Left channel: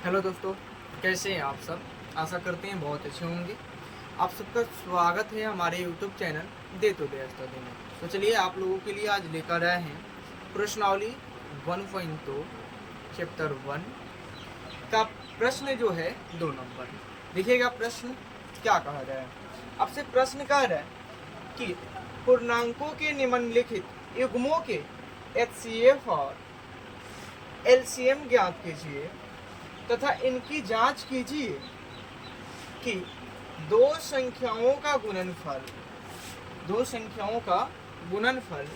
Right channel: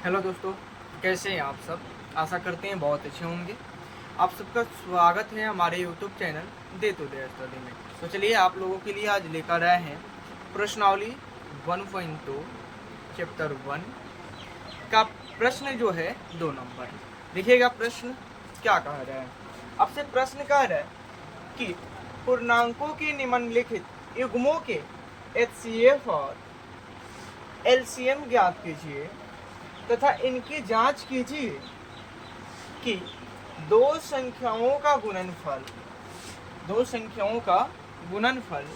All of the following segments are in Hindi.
हेलो दोस्तों, कैसे हैं आप सब। आशा करते हैं बहुत अच्छे होंगे। आप सबका स्वागत है हमारे यूट्यूब चैनल दे तो दे स्टडी में। तो चलिए आप लोगों के लिए आज लेकर आए हैं प्रश्नावली 1.2 चैप्टर 1 का प्रश्न जो है 2 नंबर। देखिएगा प्रश्न क्या कहा रहा है। आपसे प्रश्न कह रहा है कि पूर्णांकों के निम्नलिखित युग्मों के HCF और LCM ज्ञात कीजिए तथा इनकी जांच कीजिए कि दो संख्याओं का गुणनफल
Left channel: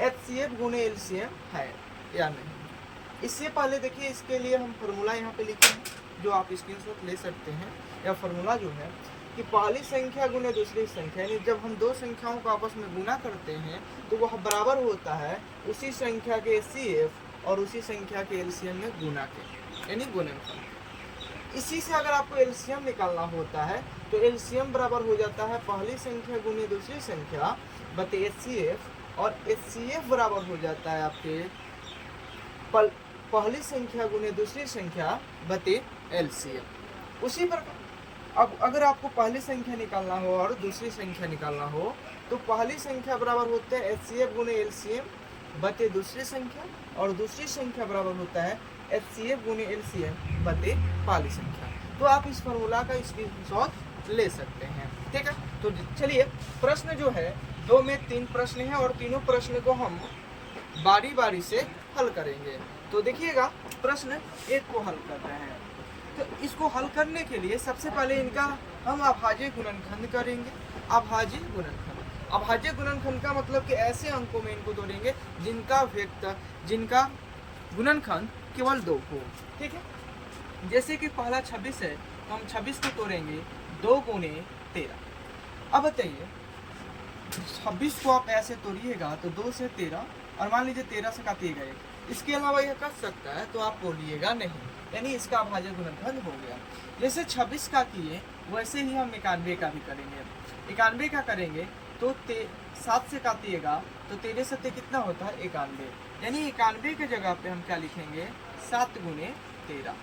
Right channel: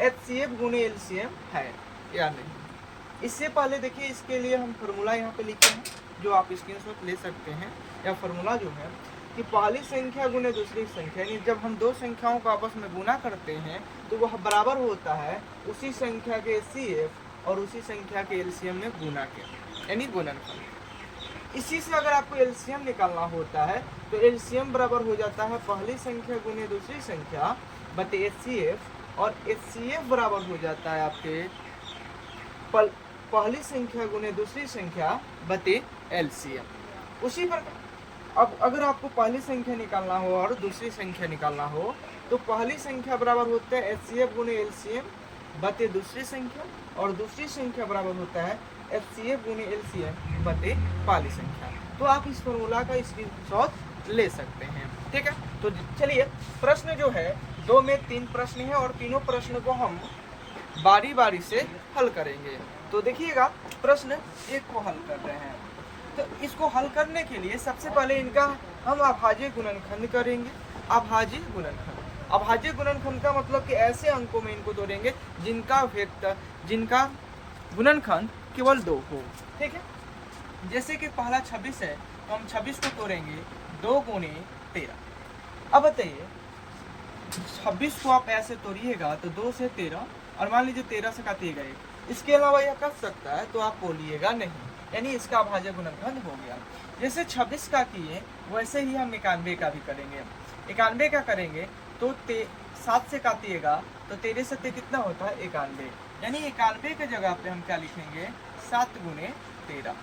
HCF गुणे LCM है या नहीं। इससे पहले देखिए, इसके लिए हम फॉर्मूला यहाँ पे लिखे हैं जो आप स्क्रीनशॉट ले सकते हैं। या फॉर्मूला जो है कि पहली संख्या गुणे दूसरी संख्या, यानी जब हम दो संख्याओं को आपस में गुना करते हैं तो वह बराबर होता है उसी संख्या के HCF और उसी संख्या के LCM में गुना के, यानी गुणनफल। इसी से अगर आपको LCM निकालना होता है तो LCM बराबर हो जाता है पहली संख्या गुने दूसरी संख्या बटे HCF, और HCF बराबर हो जाता है आपके पहली संख्या गुने दूसरी संख्या बटे LCM। उसी प्रकार अब अगर आपको पहली संख्या निकालना हो और दूसरी संख्या निकालना हो तो पहली संख्या बराबर होता है HCF गुने LCM बटे दूसरी संख्या, और दूसरी संख्या बराबर होता है HCF गुने LCM बटे पहली संख्या। तो आप इस फॉर्मूला का स्क्रीनशॉट ले सकते हैं, ठीक है। तो चलिए, प्रश्न जो है 2 में 3 प्रश्न है और तीनों प्रश्न को हम बारी बारी से हल करेंगे। तो देखिएगा, प्रश्न 1 को हल कर रहे हैं। तो इसको हल करने के लिए सबसे पहले इनका हम अभाज्य गुणनखंड करेंगे। अभाज्य गुणनखंड का मतलब कि ऐसे अंकों में इनको तोड़ेंगे जिनका गुणनखंड केवल 2 हो, ठीक है। जैसे कि पहला 26 है तो हम 26 को तोड़ेंगे 2 गुणे 13। अब बताइए, 26 को आप ऐसे तोड़िएगा तो 2 से 13, और मान लीजिए 13 से काटिएगा 1। इसके अलावा यह कट सकता है तो आप बोलिएगा नहीं, यानी इसका अभाज्य गुणनखंड हो गया। जैसे 26 का किए वैसे ही हम 91 का भी करेंगे। 91 का करेंगे तो 7 से काटिएगा तो 13 से कितना होता है 91, यानी 91 के जगह पे हम क्या लिखेंगे 7 गुणे 13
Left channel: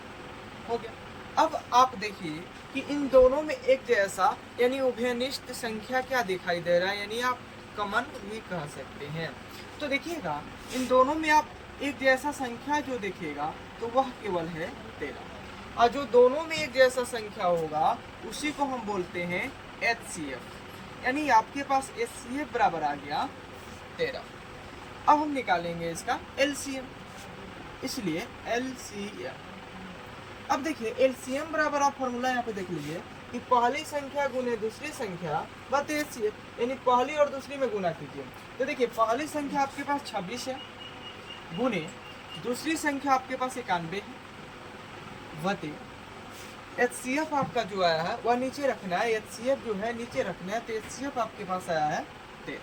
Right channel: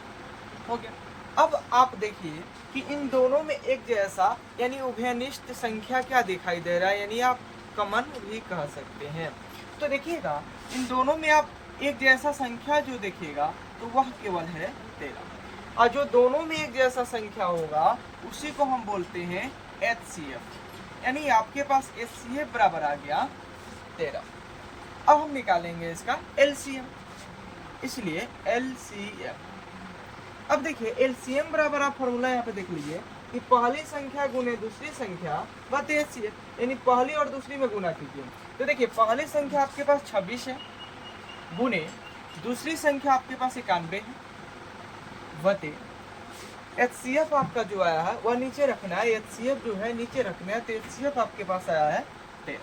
हो गया। अब आप देखिए कि इन दोनों में एक जैसा यानी उभयनिष्ठ संख्या क्या दिखाई दे रहा है, यानी आप कॉमन भी कह सकते हैं। तो देखिएगा, इन दोनों में आप एक जैसा संख्या जो देखिएगा तो वह केवल है 13, और जो दोनों में एक जैसा संख्या होगा उसी को हम बोलते हैं HCF, यानी आपके पास HCF बराबर आ गया 13। अब हम निकालेंगे इसका LCM, इसलिए LCM। अब देखिए, LCM बराबर आप फॉर्मूला यहाँ पे देख लीजिए कि पहली संख्या गुने दूसरी संख्या बटे HCF, यानी पहली और दूसरी में गुना कीजिए। तो देखिए, पहली संख्या आपके पास 26 है गुने दूसरी संख्या आपके पास 91 है बटे HCF आपका जो आया है वह नीचे रखना है। HCF जो है नीचे रखना है, तो HCF आपके पास आया है 13।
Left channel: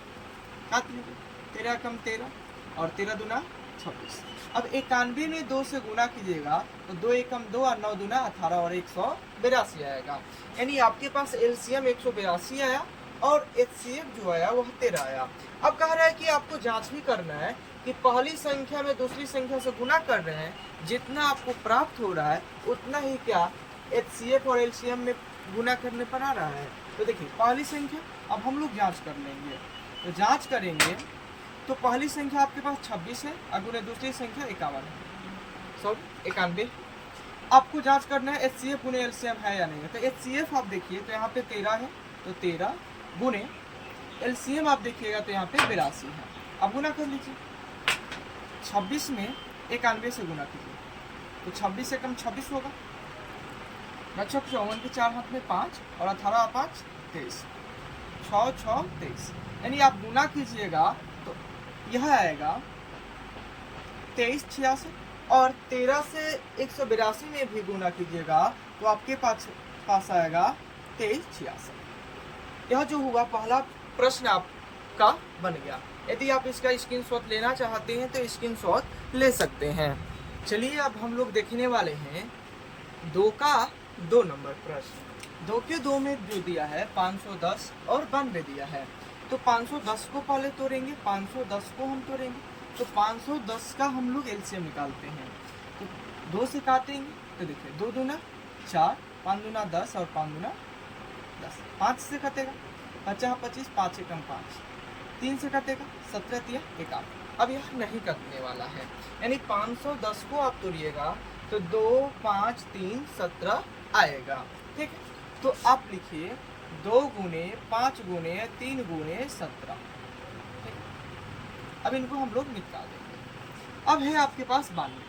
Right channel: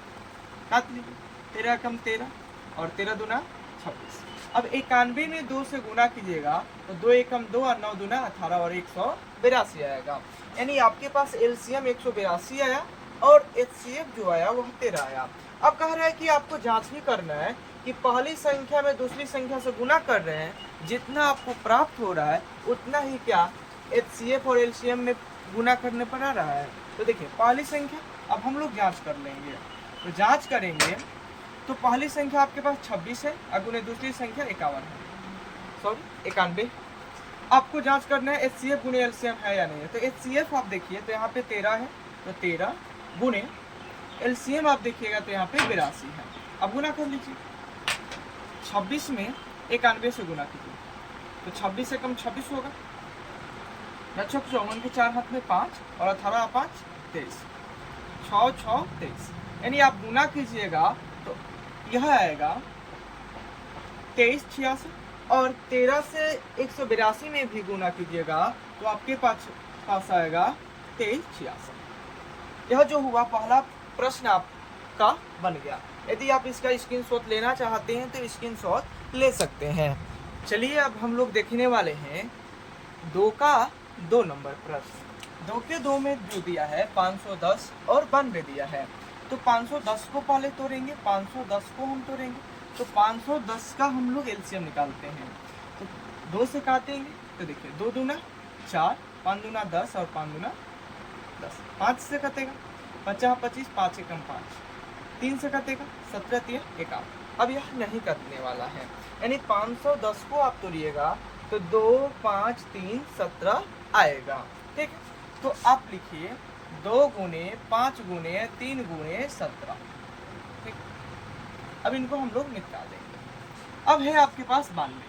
काट लीजिए, 13 कम 13 और 13 दूना 26। अब 91 में 2 से गुना कीजिएगा तो 2 एकम 2 और 9 दूना 18 और 182 आएगा, यानी आपके पास LCM 182 आया और HCF जो आया वह 13 आया। अब कह रहा है कि आपको जांच भी करना है कि पहली संख्या में दूसरी संख्या से गुना कर रहे हैं, जितना आपको प्राप्त हो रहा है उतना ही क्या HCF और LCM में गुना करने पर आ रहा है। तो देखिए, पहली संख्या अब हम लोग जांच कर लेंगे। तो जांच करेंगे तो पहली संख्या आपके पास 26 है और गुने दूसरी संख्या 51 है, 91। आपको जांच करना है HCF गुने LCM है या नहीं है। तो HCF आप देखिए तो यहाँ पे 13 है, तो 13 गुने LCM आप देखिएगा तो यहाँ पे 82 है। अब गुना कर लीजिए, 26 में 91 से गुना कीजिए तो 26 से कम 26 होगा। बच्चों, 54 के 4 हाथ में 5 और 18 5 23, 6 6 23, यानी आप गुना कीजिएगा तो यह आएगा 23 86, और 13 से 182 में भी गुना कीजिएगा तो आपके पास आएगा 23 86। यह जो हुआ पहला प्रश्न आपका बन गया। यदि आप इसका स्क्रीनशॉट लेना चाहते हैं तो स्क्रीनशॉट ले सकते हैं। चलिए, अब हम लोग देखने वाले हैं 2 का 2 नंबर प्रश्न। 2 के 2 में दे दिया है 510 और 92 दिया है। तो 510 को पहले तोड़ेंगे, 510 को हम तोड़ेंगे। तो 510 का हम लोग LCM निकालते हैं। तो 2 से काटेंगे तो देखिए 2 दूना 4, 5 दूना 10 और 5 दूना 10, 5 से कटेगा 50 25, 5 एकम 5, 3 से कटेगा 17 3 51। अब यह नहीं कटने वाला है, यानी 510 को आप तोड़िएगा तो 2 5 3 17 आएगा। ठीक है, तो आप लिखिए 2 गुने 5 गुने 3 गुने 17। ठीक, अब इनको हम लोग निकाल देंगे। अब है आपके पास 92,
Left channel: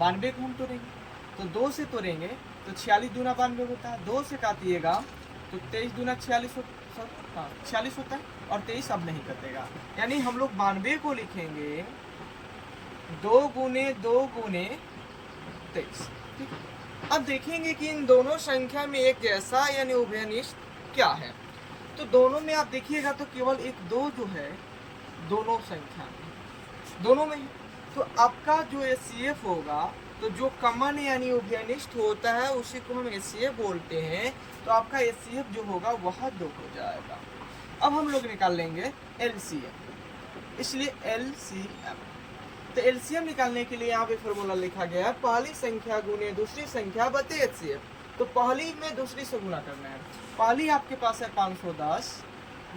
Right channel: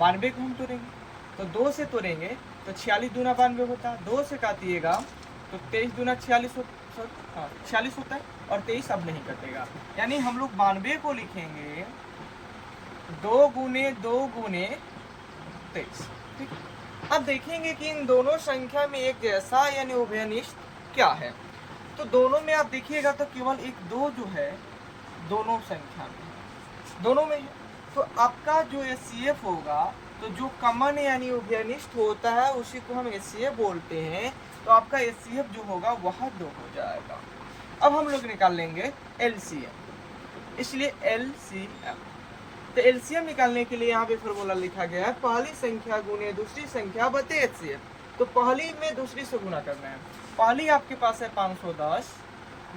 92 को हम तोड़ेंगे तो 2 से तोड़ेंगे तो 46 दूना 92 होता है, 2 से काटिएगा तो 23 दूना 46 46 होता है और 23 अब नहीं कटेगा, यानी हम लोग 92 को लिखेंगे 2 गुने 2 गुने 23। ठीक है, अब देखेंगे कि इन दोनों संख्या में एक जैसा यानी उभयनिष्ठ क्या है। तो दोनों में आप देखिएगा तो केवल एक 2 जो है दोनों संख्या में, दोनों में, तो आपका जो HCF होगा तो जो कॉमन यानी उभयनिष्ठ होता है उसी को हम HCF बोलते हैं, तो आपका HCF जो होगा वह 2 हो जाएगा। अब हम लोग निकाल लेंगे LCM, इसलिए LCM, तो LCM निकालने के लिए यहाँ पे फॉर्मूला लिखा गया है पहली संख्या गुने दूसरी संख्या बटे HCF। तो पहली में दूसरी से गुना करना है, पहली आपके पास है 510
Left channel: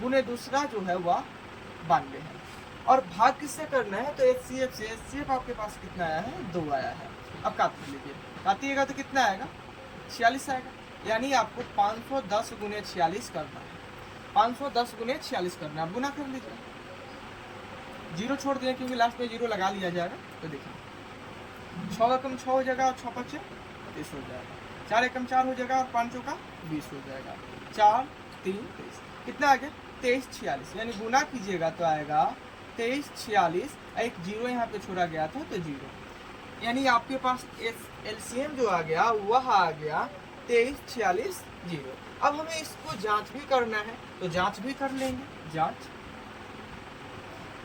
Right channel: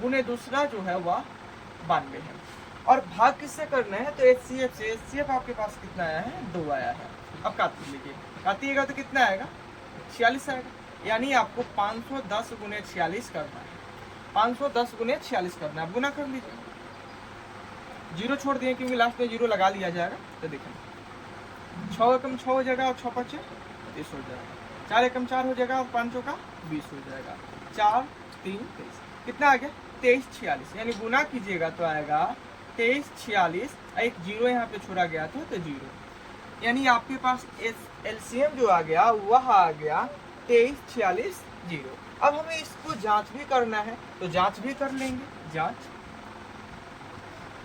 गुने दूसरा जो है वह 92 है, और भाग किससे करना है तो HCF से। HCF आपके पास कितना आया है 2 आया है। अब काट लीजिए, काटिएगा तो कितना आएगा 46 आएगा, यानी आपको 510 गुने 46 करना है, 510 गुने 46 करना है। गुना कर लीजिए, जीरो छोड़ दिए क्योंकि लास्ट में जीरो लगा लिया जाएगा। तो देखिए 6 एकम 6 हो जाएगा और 6 5 30 हो जाएगा, 4 एकम 4 हो जाएगा और 5 का 20 हो जाएगा, 4 3 23, कितना आ गया 23 46, यानी गुना कीजिएगा तो आएगा 23 46, एक जीरो यहाँ पे छोड़ा गया था तो जीरो, यानी आपके पास LCM जो आ गया वह आ गया 23 46 जीरो। अब हमें इसको जांच भी करना है तो जांच भी कर लेंगे।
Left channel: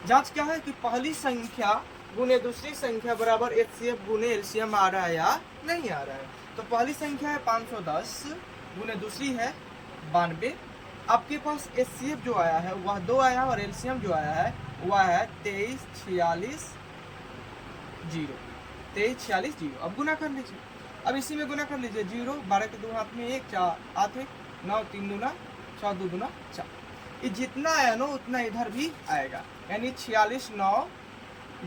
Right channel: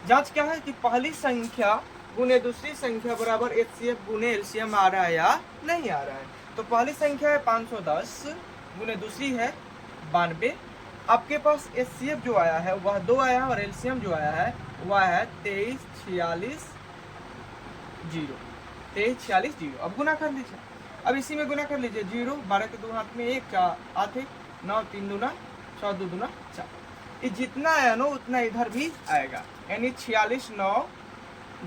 जांच क्या है कि पहली संख्या गुने दूसरी संख्या बराबर HCF गुने LCM आ रहा है या नहीं आ रहा है। तो पहली संख्या है 510 गुने दूसरी है 92, आपके पास HCF जो आया है वह 2 आया और LCM जो आया है वह है 23 46 जीरो, 23 46 जीरो। अब गुना कर लीजिए, अब इसी में गुना कर लीजिए, जीरो 12 के 2 हाथ में 1 4 8 1 9 3 दूना 6 2 दूना 4, ये जितना आया ना उतना इधर भी आएगा, यानी 46 9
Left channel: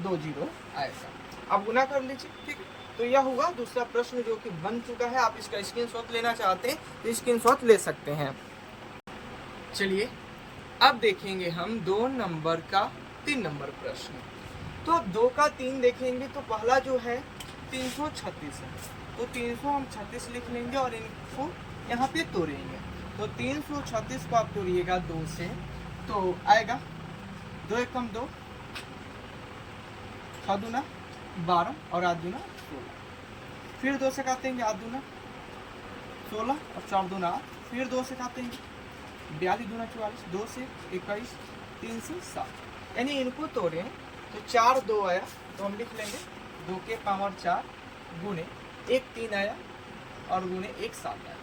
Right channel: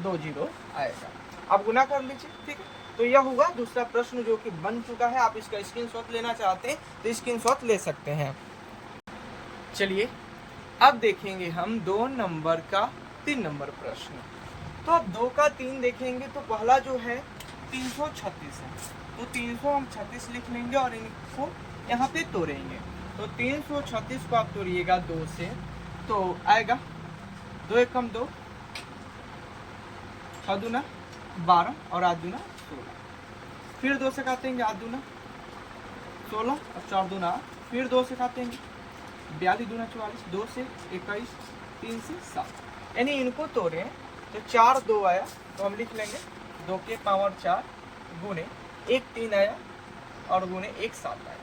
2 जीरो आएगा। अब गुना कर लीजिए। ठीक है, तो यह होगा दूसरा प्रश्न जो कि बन चुका है। आप इसका स्क्रीनशॉट लेना चाहते हैं तो स्क्रीनशॉट ले सकते हैं। चलिए अब देखेंगे हम 2 नंबर का 3 नंबर प्रश्न। तो अब 2 का 3 देखेंगे तो पहला जो है 336 है, तो 336 लिख लेंगे और इनको यहाँ पे तोड़ेंगे। तो 336 को आप तोड़िएगा 2 से तो आएगा 2 एकम 2, 6 दूना 12 और 8 दूना 16, फिर 2 से काटेंगे 8 दूना 16 और 4 दूना 8, फिर 2 से काटेंगे 42 दूना 44, 2 से 21, 3 से 7, यानी इनको तोड़े तो 4 2 आया तो हम लिख लेंगे 2 के पावर 4 गुने 1 3 आया और गुने 1 7 आया।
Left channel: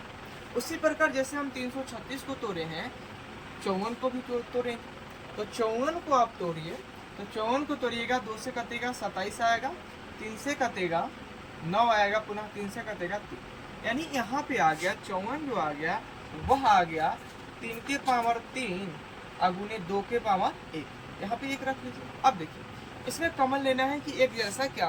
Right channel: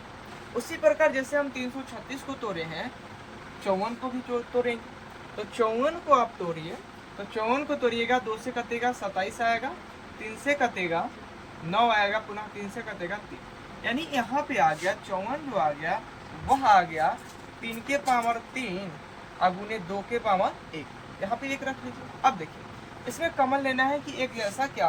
उसी प्रकार जैसे हम 336 को तोड़े हैं 54 को भी तोड़ेंगे, तो 54 को आप तोड़िए, तो 54 को तोड़िएगा 2 से कटेगा 27 आएगा, 3 से कटेगा 9 आएगा, पुनः 3 से कटेगा 3, यानी यहाँ पे आ गया 54 जो आ गया वह आ गया 3 के पावर 3 अगुने 2 के पावर 1, यहाँ पे 1 रख लीजिए। अब देखिए इसमें कॉमन लेना है कि एक जैसा क्या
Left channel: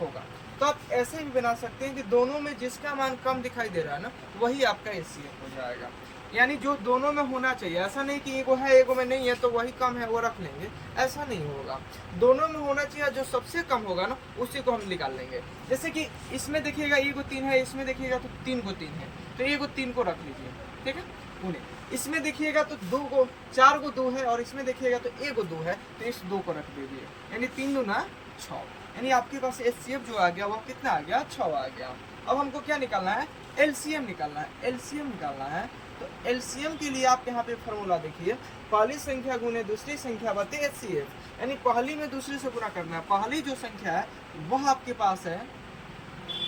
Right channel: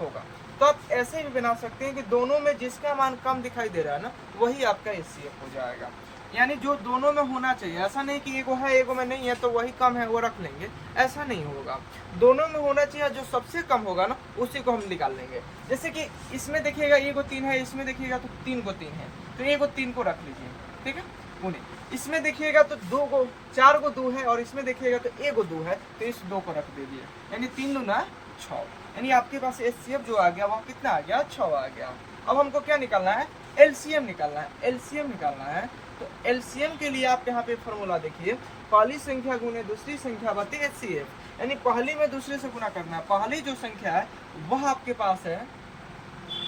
होगा, तो आप ऐसे भी बना सकते हैं कि दोनों में जिसका मान कम दिखाई दे रहा है ना वही आपका HCF हो जाएगा, यानी जो दोनों में होना चाहिए। ऐसा नहीं कि एगो है एगो में नहीं है तो वही कम है वो रख लेंगे, ऐसा नहीं होगा। दोनों में होना चाहिए, जो सबसे कम होगा ना उसी को हम निकाल लेंगे। जैसे कि इसमें देखिएगा एगो 3 है, इसमें देखिएगा तो 3 को 3 है, तो एगो 3 को रख लीजिए। ठीक है, उन्हें इसमें देखिएगा तो 2 को 4 को 2 है और इसमें देखिएगा तो एगो 2 है, तो इस 2 को रख दीजिए, यानी 3 दूना 6, यानी आपके पास HCF जो आ गया वह कितना आ गया 6 आ गया। अब हमको क्या निकालना है LCM निकालना है, LCM निकालना है। तो LCM के लिए आप यहाँ पे फॉर्मूला देखिए, पहली संख्या गुने दूसरी संख्या बटे HCF, यानी पहली में दूसरे से गुना करना है। पहली जो संख्या है वह आपके पास है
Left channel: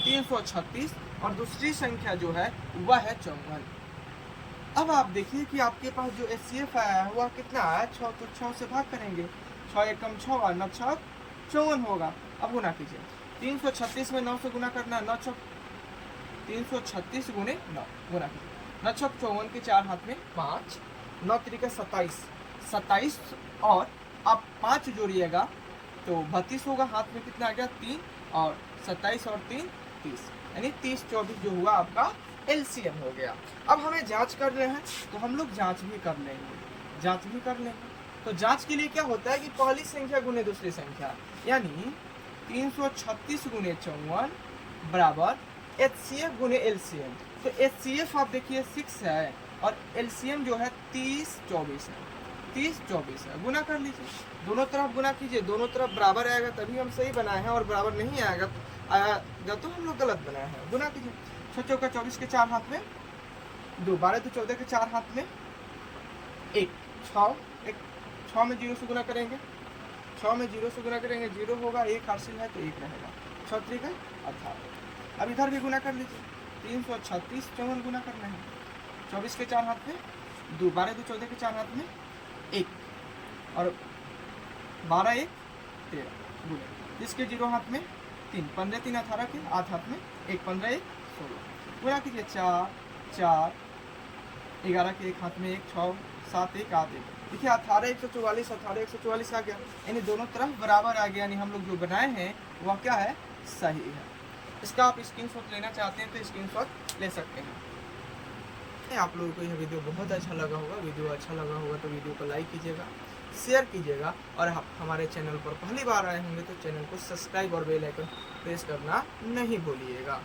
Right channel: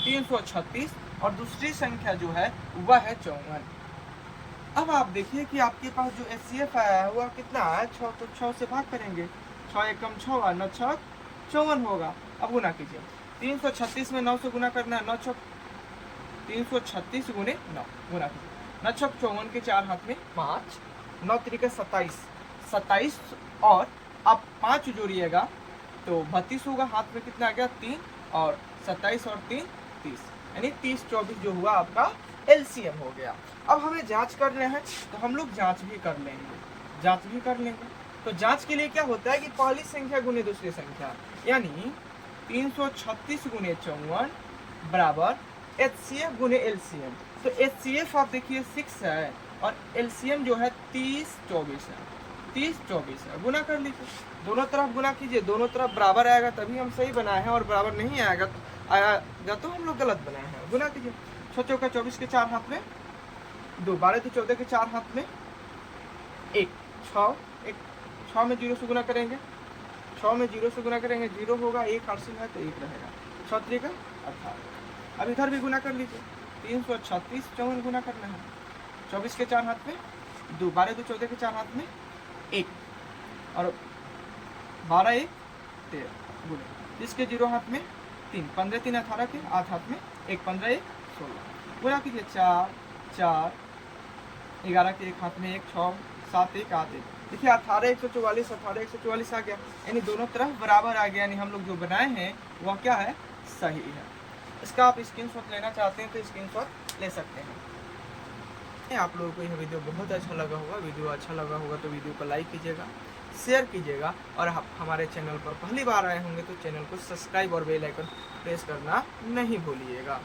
336 और दूसरी संख्या जो है वह है 54। अब आप देखिए कि आपके पास जो HCF आया है वह कितना है 6, तो 6 से भाग करेंगे, 6 एकम 6 और 9 6 54 होगा। अब गुना कीजिए, 336 में 9 से गुना करना है, 9 6 336 गुने 9 गुना कीजिए। 9 छक 54 के 4 हाथ में 5, 9 तरीके 27, 27 और अब 5 जोड़िएगा तो 32 होगा। हाथ में कितना आ गया 3 और 27 और 3 30, यानी 30 24 जो हुआ आपका एलसीएम हो गया। अब हमें जांच कर रहे हैं तो हम लोग जांच भी कर लेंगे, तो जांच के लिए क्या होता है कि पहली संख्या गुने दूसरी संख्या, यानी 336 गुने 54 बराबर एचसीएफ गुने एलसीएम। तो एचसीएफ आप देखिए 6 है और एलसीएम जो है 30 24 है, 30 24 है। गुना कर लीजिए, दोनों तरफ गुना कीजिए, दोनों तरफ बराबर आएगा तभी हम सही बनाए हैं, और बराबर नहीं आएगा तो हम लोग गलत बनाए हैं। गुना कीजिए, 6 चौका 24 के 4 हाथ में 2, 12 तो 14 के 4 हाथ में 1, 6 में 0 से गुना करेंगे, 6 में 0 से गुना करेंगे 0 होगा, 1 हासिल है तो 1 रहेगा, 6 3 18। अब इधर भी गुना कर लीजिए, 336 54 गुना करना है, 24 के 4 हाथ में 2, 12 तो 14 के 4 हाथ में 1 और 12 1 13 गुना, इसके 0 हाथ में 3, 15 3 18 के 8 हाथ में 1, 15 1 16 गुना कीजिए, 4 4 11 के 1 हाथ में 1, 6 7 1 8 1। देखिए 18 144 18 144 आ गया, यानी दोनों तरफ बराबर आ गया, यानी हम लोग जो बनाए हैं वह क्या है, सही है। इसका आप स्क्रीनशॉट लेना चाहते हैं तो स्क्रीनशॉट ले सकते हैं। आप लोगों को यह वीडियो बहुत अच्छा लगा होगा, तो वीडियो को लाइक कीजिएगा, शेयर कीजिएगा, और आप हमारे चैनल पर पहली बार आए होंगे तो चैनल को सब्सक्राइब और बेल आइकन प्रेस करना नहीं भूलिएगा।